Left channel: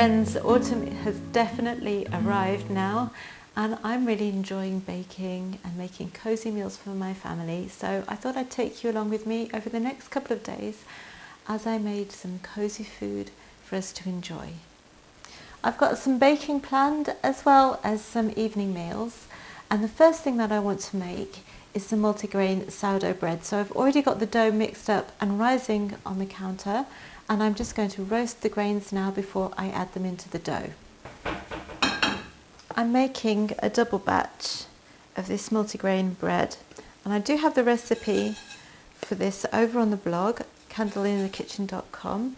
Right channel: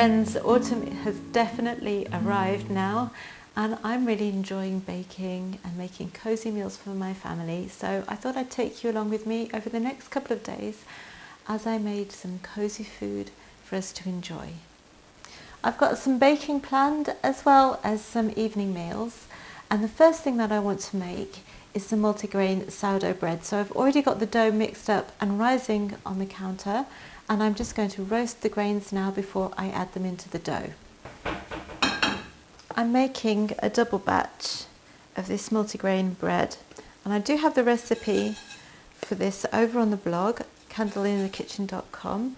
friends, autumn has definitely arrived now, and I'm really enjoying baking and making cosy meals for my family. So I thought I'd take you along with me over the next couple of days as I made some cosy food for us to enjoy. I've got some baking planned as well as some evening meals, and the first thing that I want to make is some multigrain sourdough bread. So I've already got the dough mixed up and rising on the counter, and I'm just going to roast the grains now before I add them into the dough. I'm making a double batch of this multigrain bread, and I do have the recipe for this over on the blog, candleinthekitchen.com.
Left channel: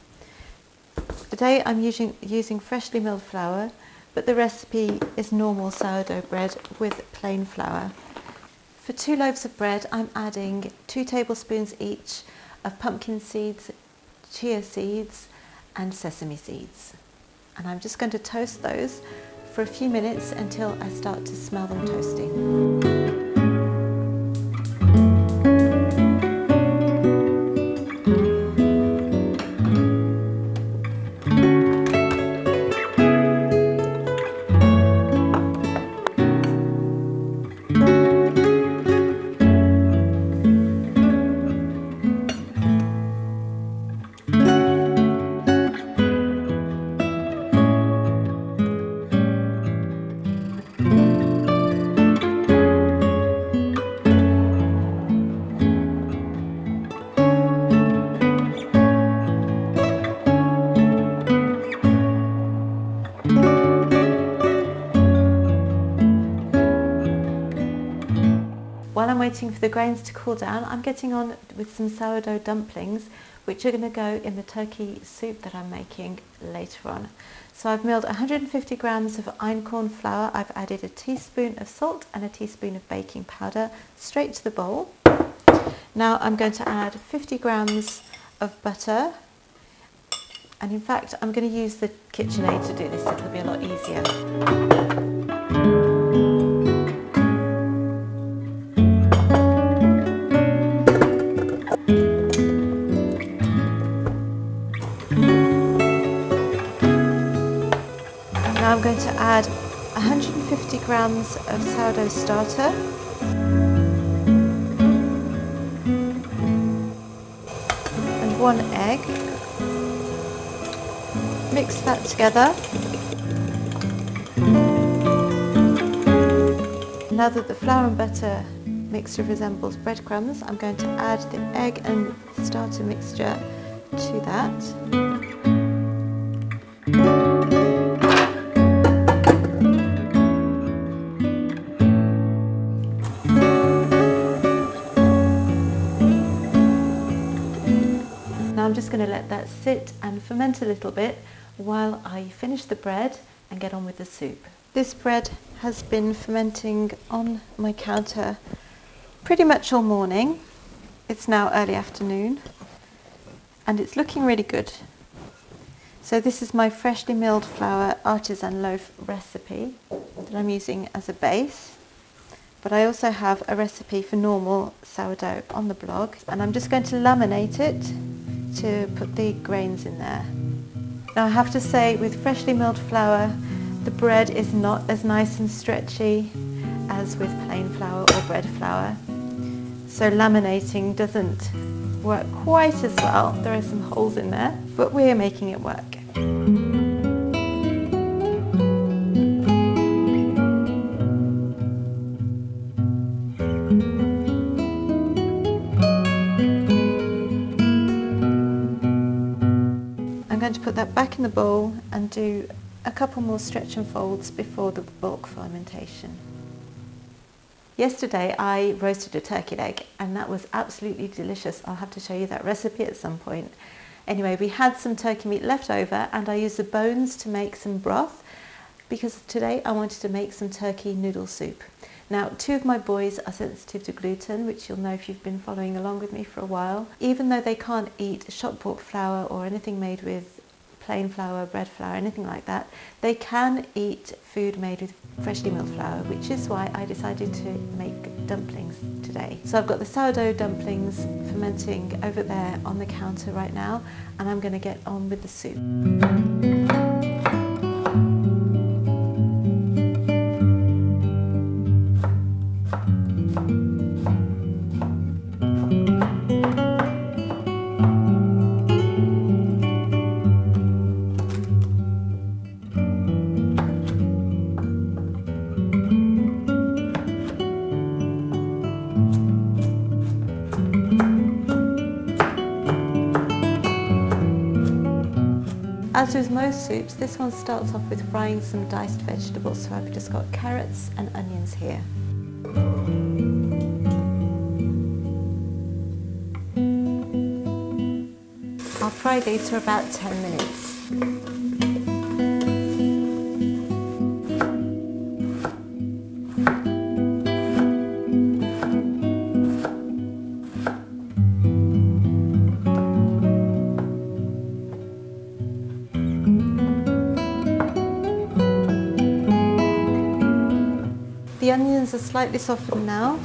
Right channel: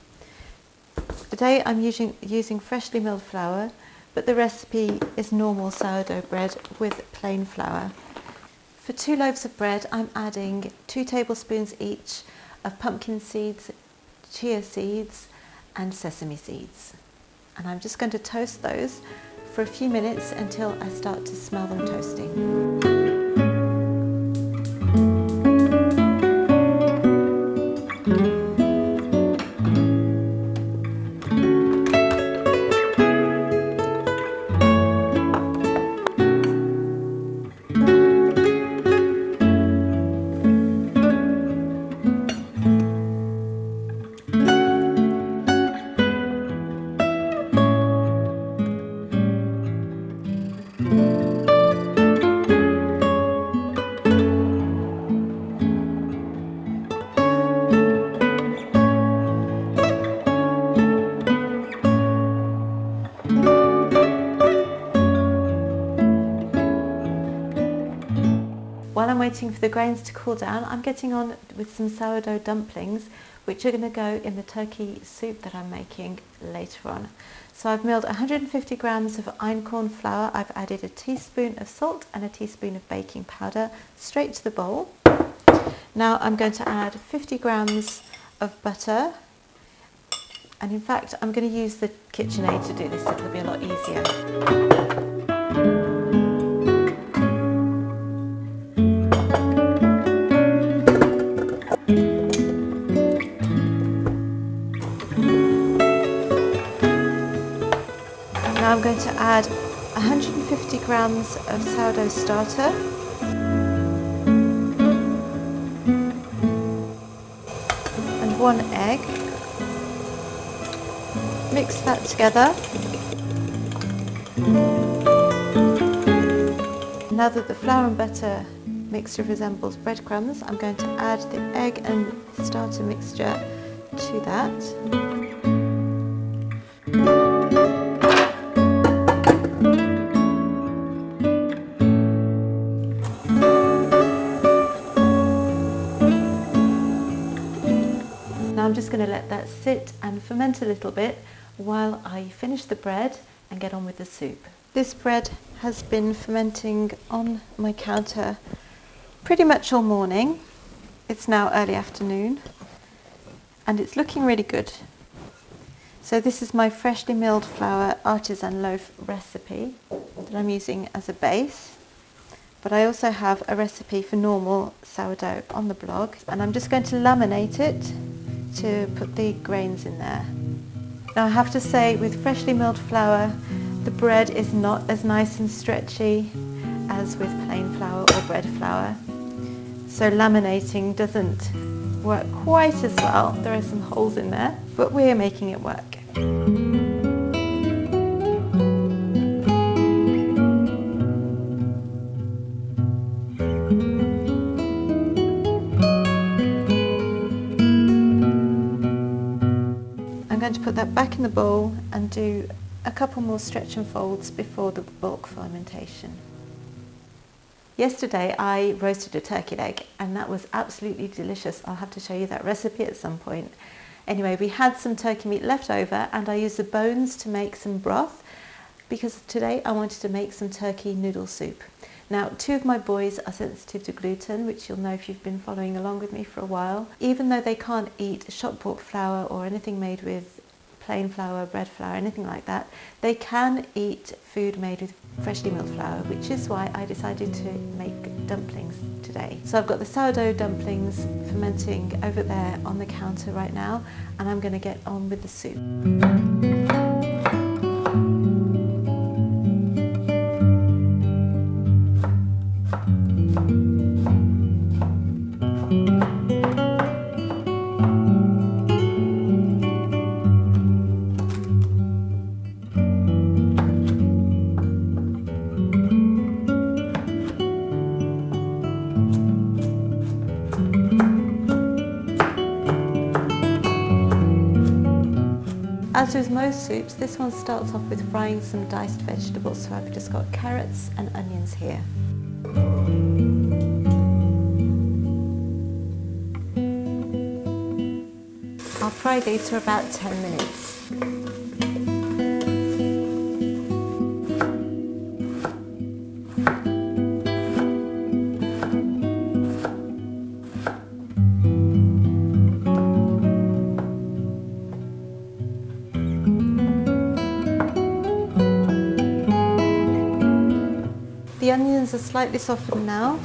Today I'm using freshly milled flour, but the recipe is normal sourdough bread with plain flour. For 2 loaves of bread, I'm adding 2 tablespoons each of pumpkin seeds, chia seeds and sesame seeds. And I'm just going to toast those for a few minutes until I start to smell them toasting. While I'm waiting for the grains to cool down, I'm getting on with some sourdough dumplings, which are going to go in the turkey soup that I'm making later on. So I've milled 150 grams of einkorn flour. I've added a teaspoon of salt and a teaspoon of baking powder straight to the bowl. Now I'm going to add 50 grams of butter. And in fact, I'm going to use the KitchenAid to do this. It'll be a lot easier. Now I'm going to add 150 grams of sourdough starter, and 1 egg. Mix that together. Now that the flour and butter mixture resembles breadcrumbs, I'm going to add the egg and starter mixture to that. Now I'm just going to let that sit and ferment a little bit while I finish the bread and get on with the soup. This bread has been fermenting on my counter pretty much all morning. It's now early afternoon and it's looking really good. So this is my freshly milled flour artisan loaf recipe that I'm using as a base. But I also have a recipe for normal sourdough on the blog, and I'm just going to laminate it to put the grains in there. Now I have to say, with freshly milled flour, the bread is not as nice and stretchy as with plain flour or bread flour. So laminating doesn't work quite as well. There are some holes in there, but we're making it work. I'm going to put that back in the bowl and do a couple more stretch and folds before the bulk fermentation. Yesterday I roasted a turkey leg and that was absolutely delicious. I'll have to show you that recipe at some point. Anyway, we had some turkey meat left over and I used the bones to make some broth because today I wanted to make some turkey noodle soup. Now, 2 of my boys are sensitive to gluten, which you'll know if you've been following along with me for a while. Even though they can't eat shop bought flour or anything made with plain flour, bread flour, anything like that, they can eat food made with freshly milled flour, which is why I decided to make dumplings today. So I've got the sourdough dumplings fermenting over there on the counter right now, and I'm going to get on with the soup. As with most soups, this one starts off with frying some diced vegetables, so I've just got carrots and onions here. I'll fry these for about 10 minutes. The onions are slightly softened now.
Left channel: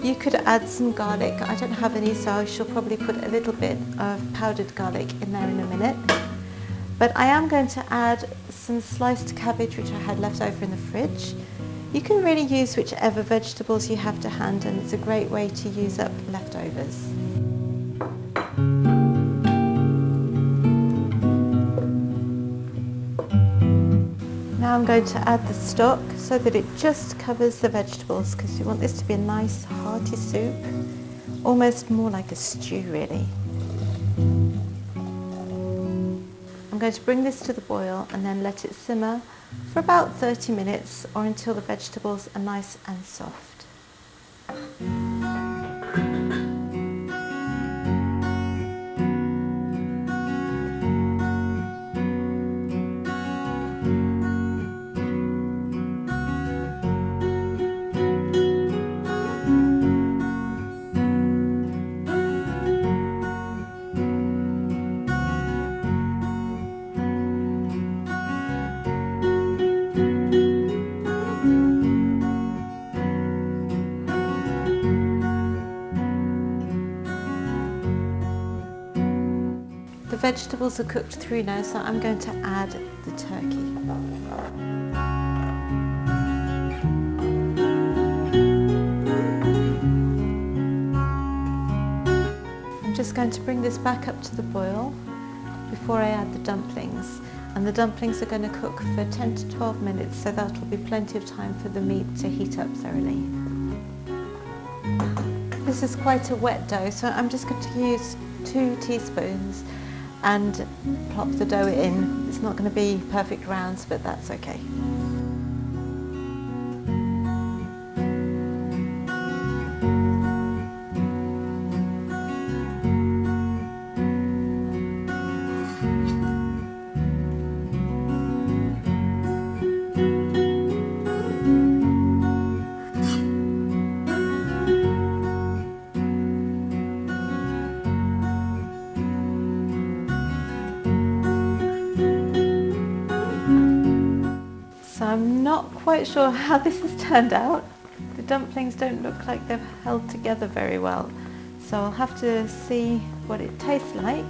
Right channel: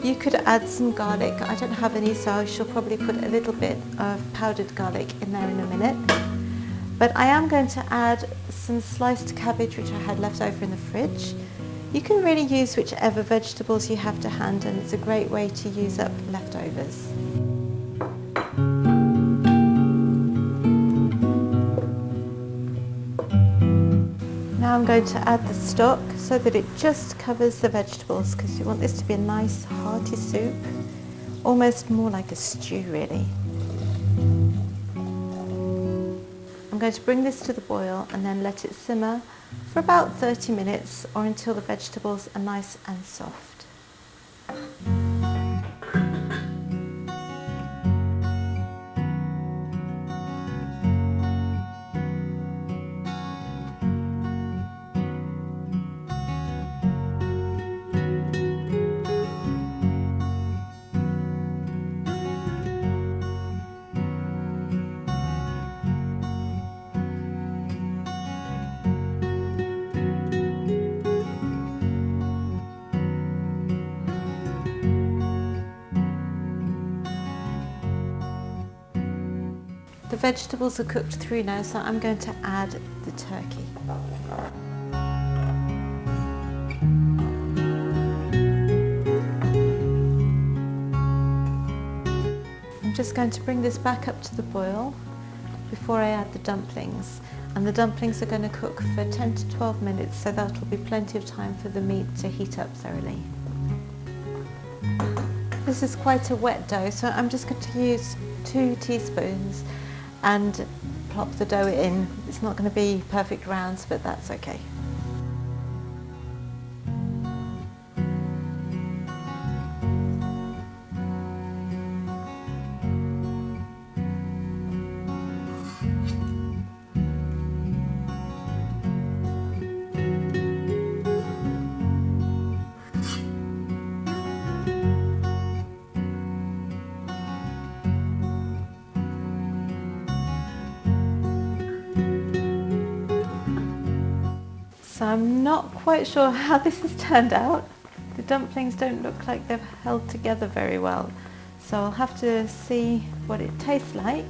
You could add some garlic. I don't have any, so I shall probably put a little bit of powdered garlic in there in a minute. But I am going to add some sliced cabbage which I had left over in the fridge. You can really use whichever vegetables you have to hand, and it's a great way to use up leftovers. Now I'm going to add the stock so that it just covers the vegetables, because you want this to be a nice hearty soup, almost more like a stew really. I'm going to bring this to the boil and then let it simmer for about 30 minutes or until the vegetables are nice and soft. The vegetables are cooked through now, so I'm going to add the turkey. I'm just going to bring this back up to the boil before I add the dumplings. And the dumplings are going to cook for 10 to 12 minutes, so that will be plenty of time for the meat to heat up thoroughly. This is quite a wet dough, so I'm just going to use 2 teaspoons and plop the dough in. It's not going to be perfect rounds, but that's okay. So I'm not quite sure how this has turned out. The dumplings don't look like they've held together very well, so I'll have to see what it tastes like.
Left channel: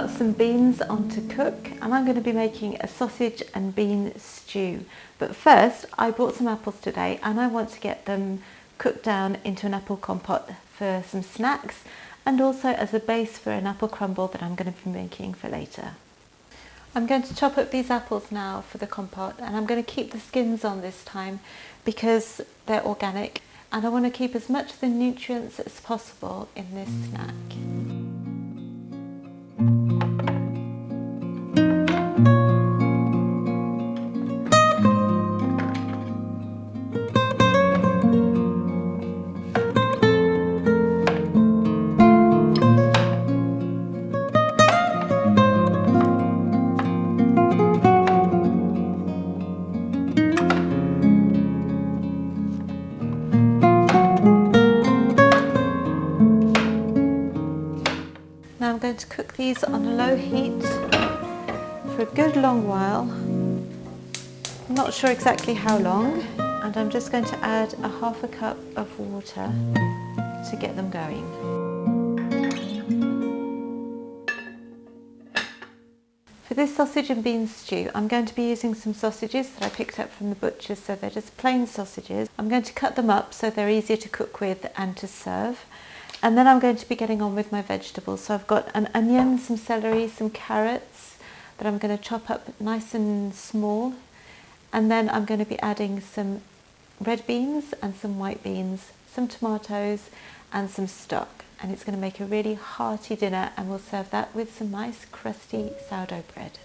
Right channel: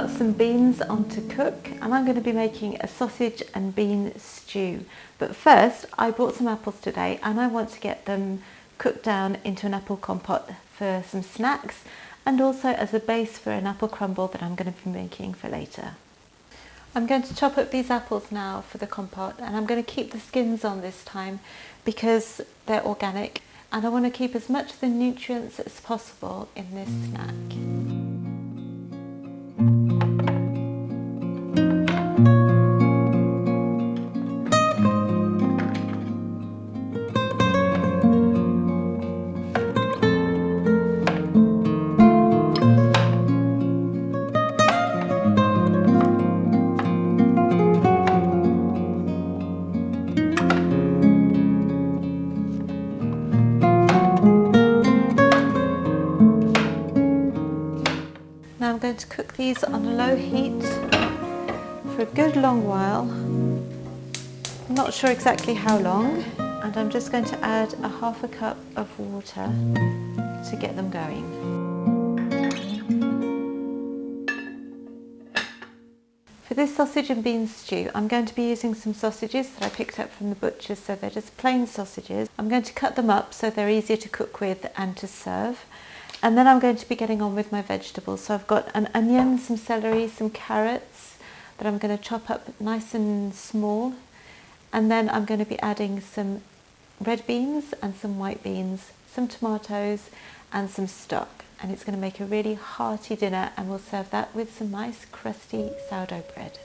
got some beans on to cook, and I'm going to be making a sausage and bean stew. But first, I bought some apples today and I want to get them cooked down into an apple compote for some snacks, and also as a base for an apple crumble that I'm going to be making for later. I'm going to chop up these apples now for the compote, and I'm going to keep the skins on this time because they're organic and I want to keep as much of the nutrients as possible in this snack. Now I'm going to cook these on a low heat for a good long while. I'm not sure exactly how long, and I'm just going to add a half a cup of water to get them going. For this sausage and bean stew, I'm going to be using some sausages that I picked up from the butcher's, so they're just plain sausages. I'm going to cut them up so they're easier to cook with and to serve. And then I'm going to be getting on with my vegetables. So I've got an onion, some celery, some carrots that I'm going to chop up nice and small. And then I'm going to be adding some red beans and some white beans, some tomatoes and some stock. And it's going to make a really hearty dinner, and we'll serve that with some nice crusty sourdough bread.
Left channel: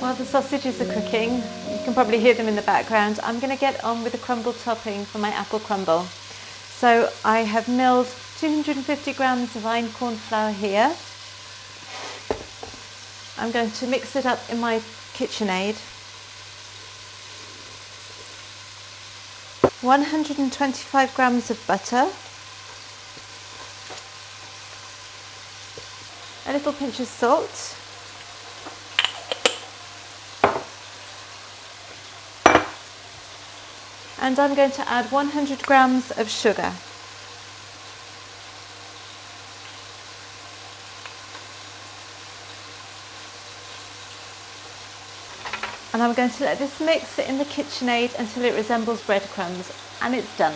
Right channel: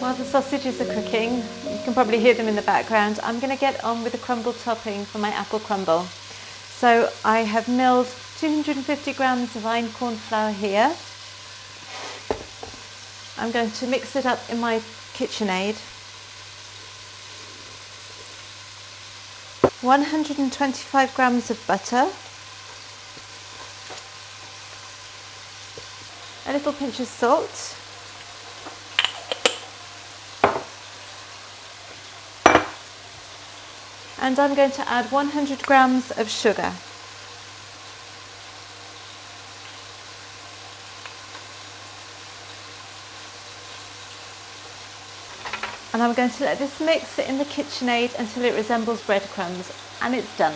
While the sausages are cooking, you can probably hear them in the background, I'm going to get on with the crumble topping for my apple crumble. So I have milled 250 grams of Einkorn flour here. I'm going to mix it up in my KitchenAid. 125 grams of butter. A little pinch of salt. And I'm going to add 100 grams of sugar. And I'm going to let this mix in the KitchenAid until it resembles breadcrumbs, and it's done.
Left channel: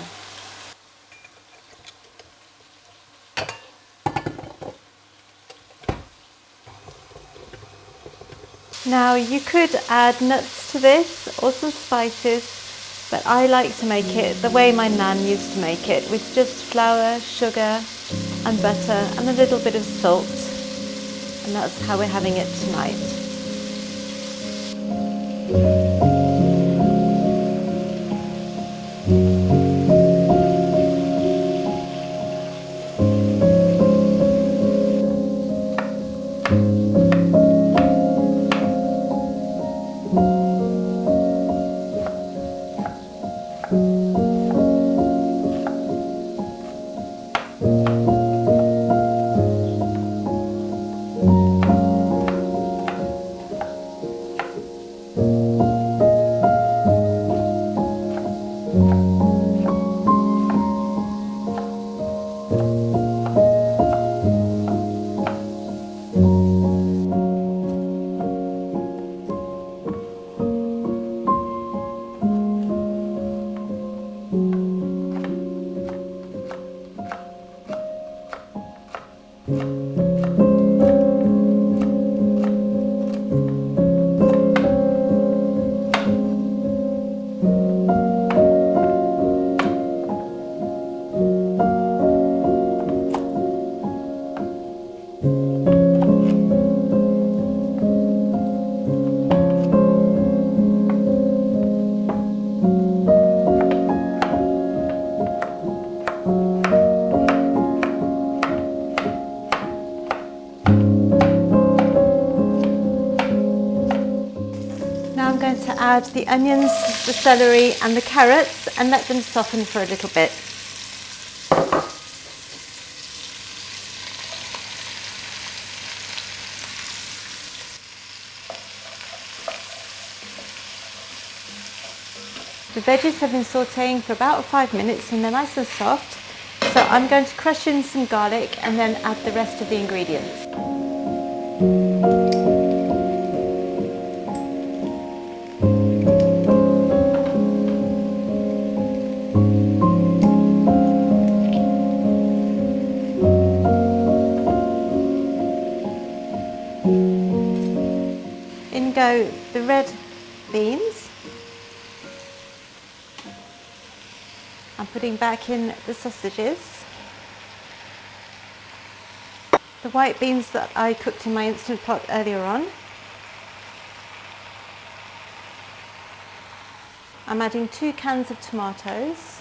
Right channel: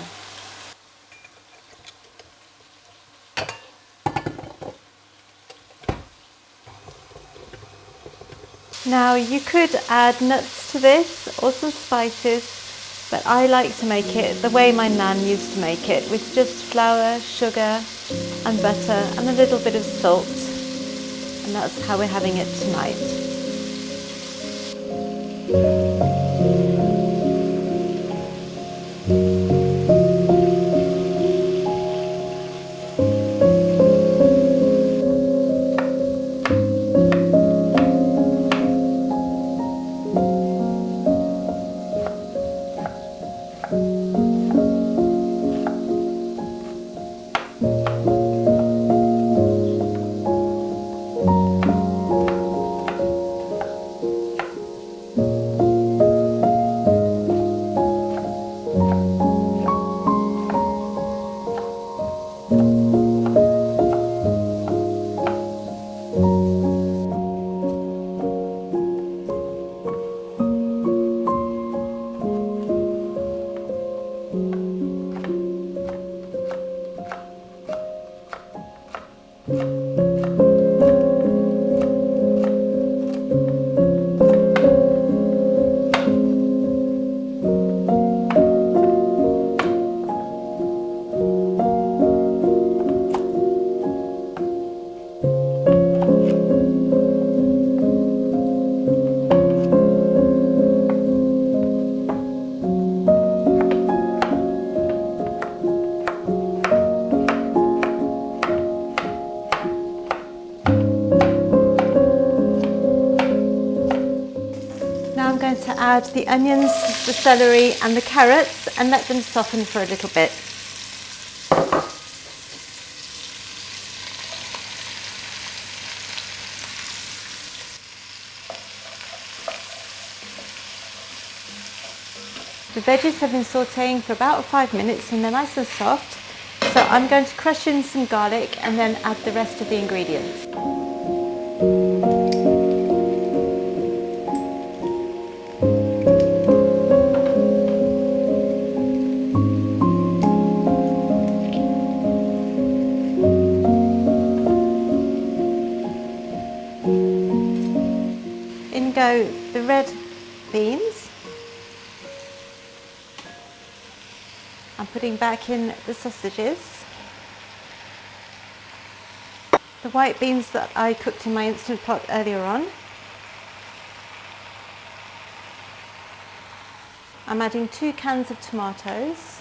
Now you could add nuts to this or some spices, but I like to make it the way my nan used to make it, with just flour, sugar and butter and a little bit of salt. And that's how we're having it tonight. to add the onions, the celery and the carrots and let them soften for a little bit. The veggies have been sautéing for about 5 minutes and they're nice and soft. So I'm going to crush in some garlic and then add the rest of the ingredients. In go the red beans. I'm putting back in the sausages. The white beans that I cooked in my Instant Pot earlier on. I'm adding 2 cans of tomatoes.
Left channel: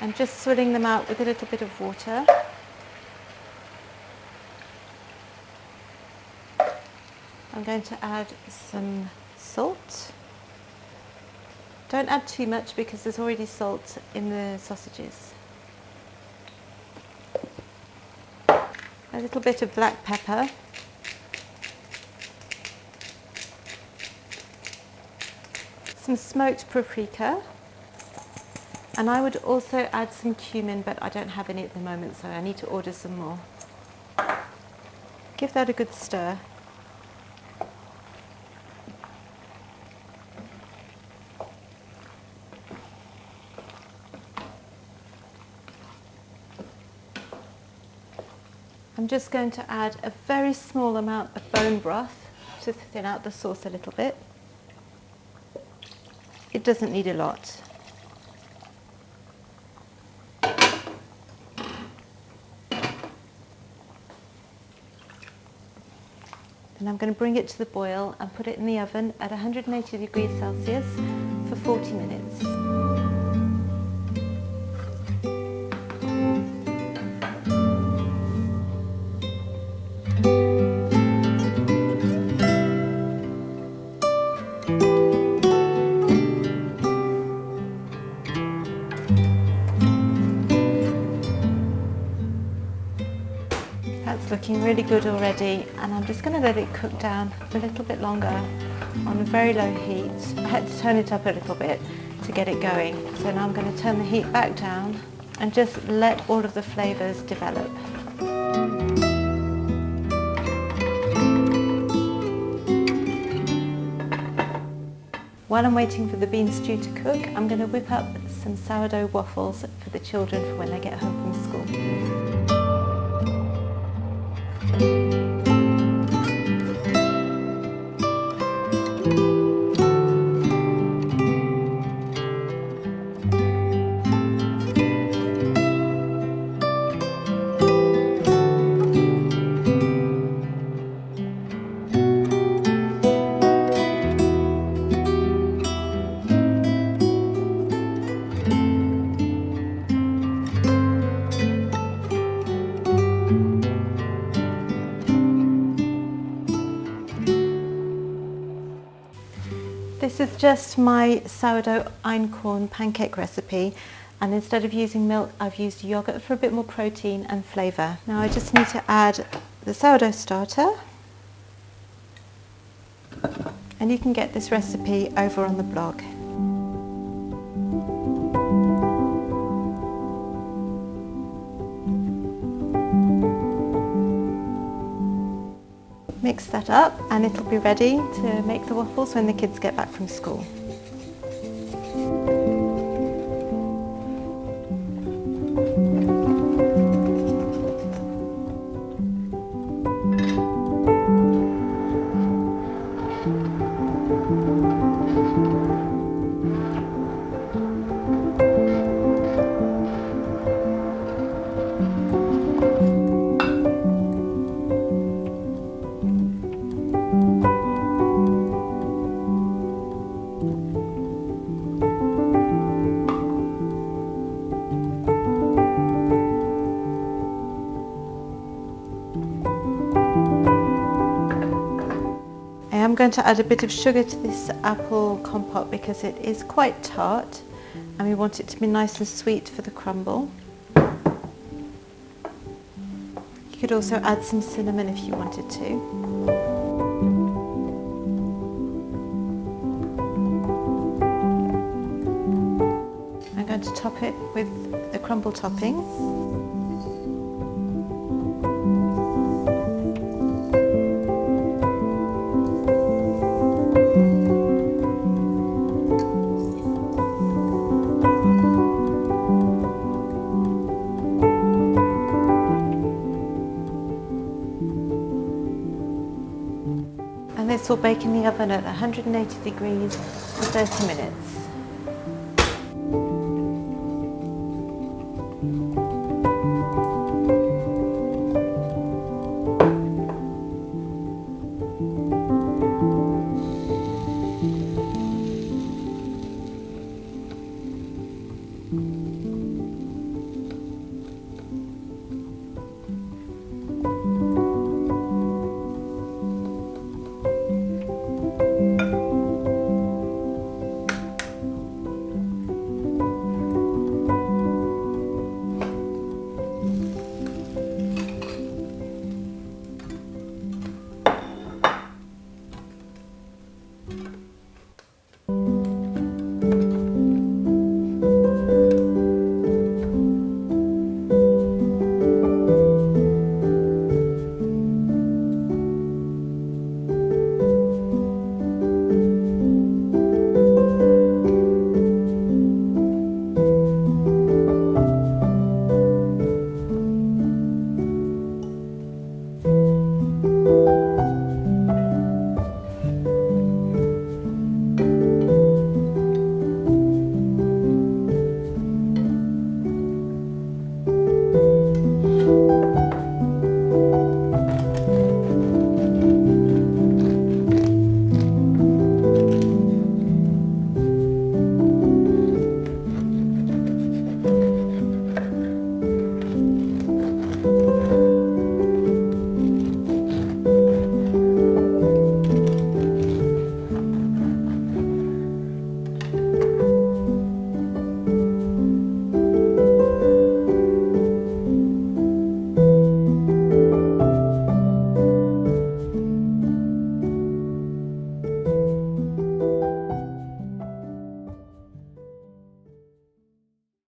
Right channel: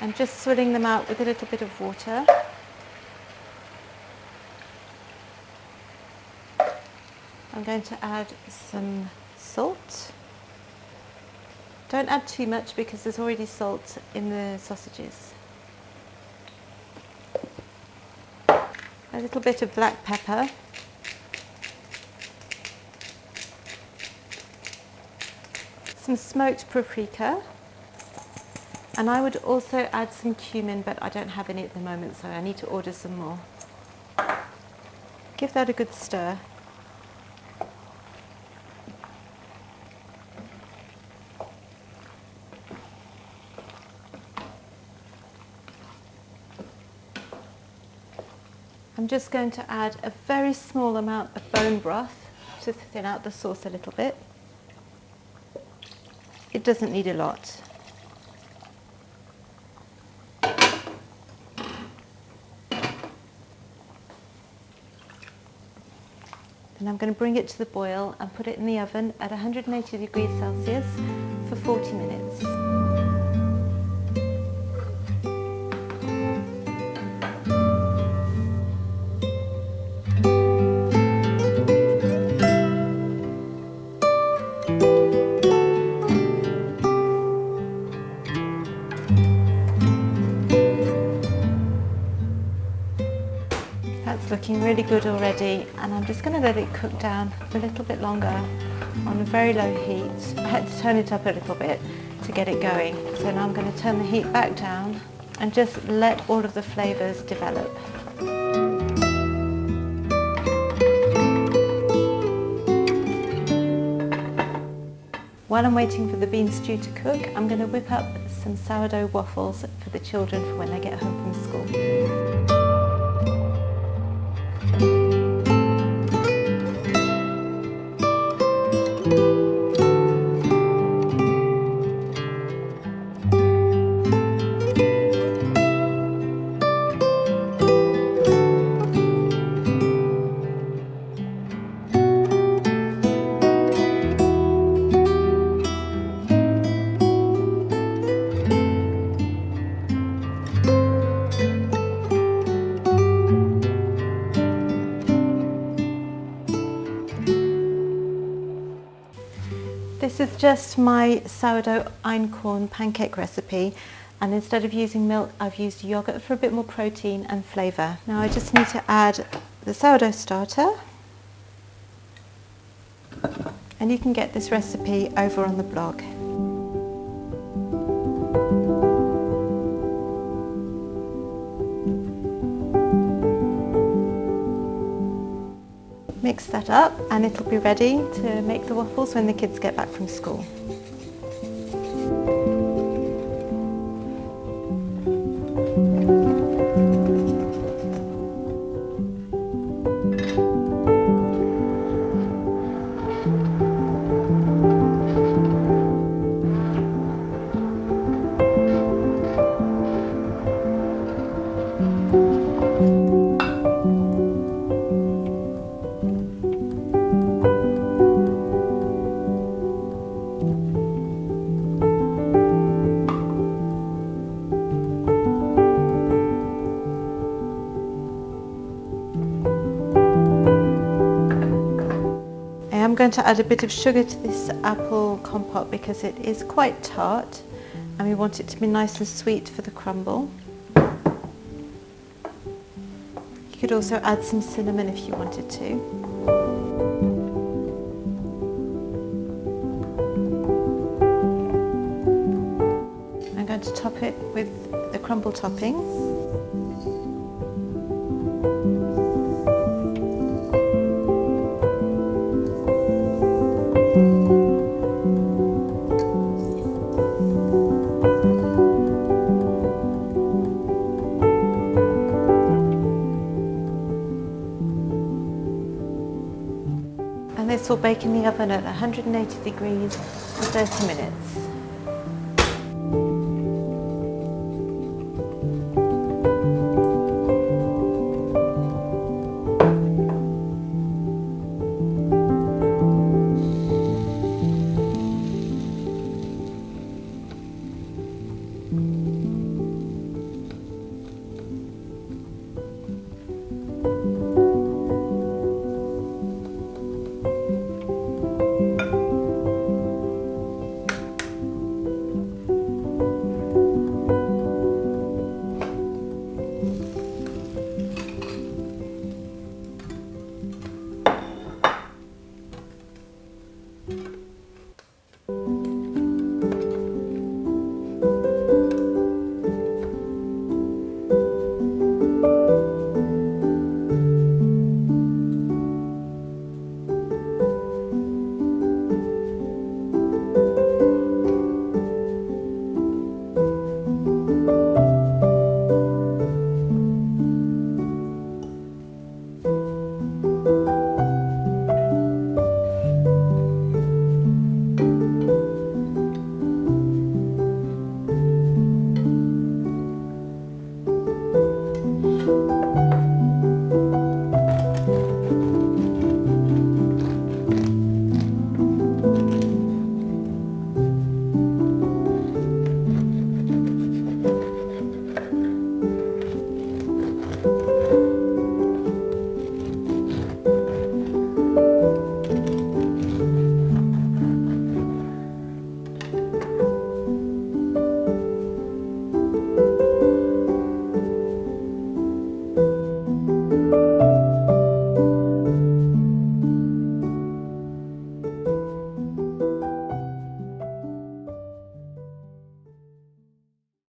And just swilling them out with a little bit of water. I'm going to add some salt. Don't add too much because there's already salt in the sausages. A little bit of black pepper. Some smoked paprika. And I would also add some cumin, but I don't have any at the moment, so I need to order some more. Give that a good stir. I'm just going to add a very small amount of bone broth to thin out the sauce a little bit. It doesn't need a lot. And I'm going to bring it to the boil and put it in the oven at 180 degrees Celsius for 40 minutes. That's looking really good already, and I'm just going to let it cook down for a little bit longer on a very low heat. I had to turn it up a little bit to get it going, so now I'm going to turn the heat back down and just let all of the flavours develop. While I'm waiting for the bean stew to cook, I'm going to whip up some sourdough waffles for the children for when they get home from school. This is just my sourdough Einkorn pancake recipe, and instead of using milk I've used yogurt for a bit more protein and flavour. Now I just need to add the sourdough starter, and you can get this recipe over on the blog. Mix that up and it'll be ready to make the waffles when the kids get back from school. going to add a bit of sugar to this apple compote because it is quite tart and we want it to be nice and sweet for the crumble. You could also add some cinnamon if you wanted to. I'm going to top it with the crumble topping. And this will bake in the oven at 180 degrees for 30 minutes.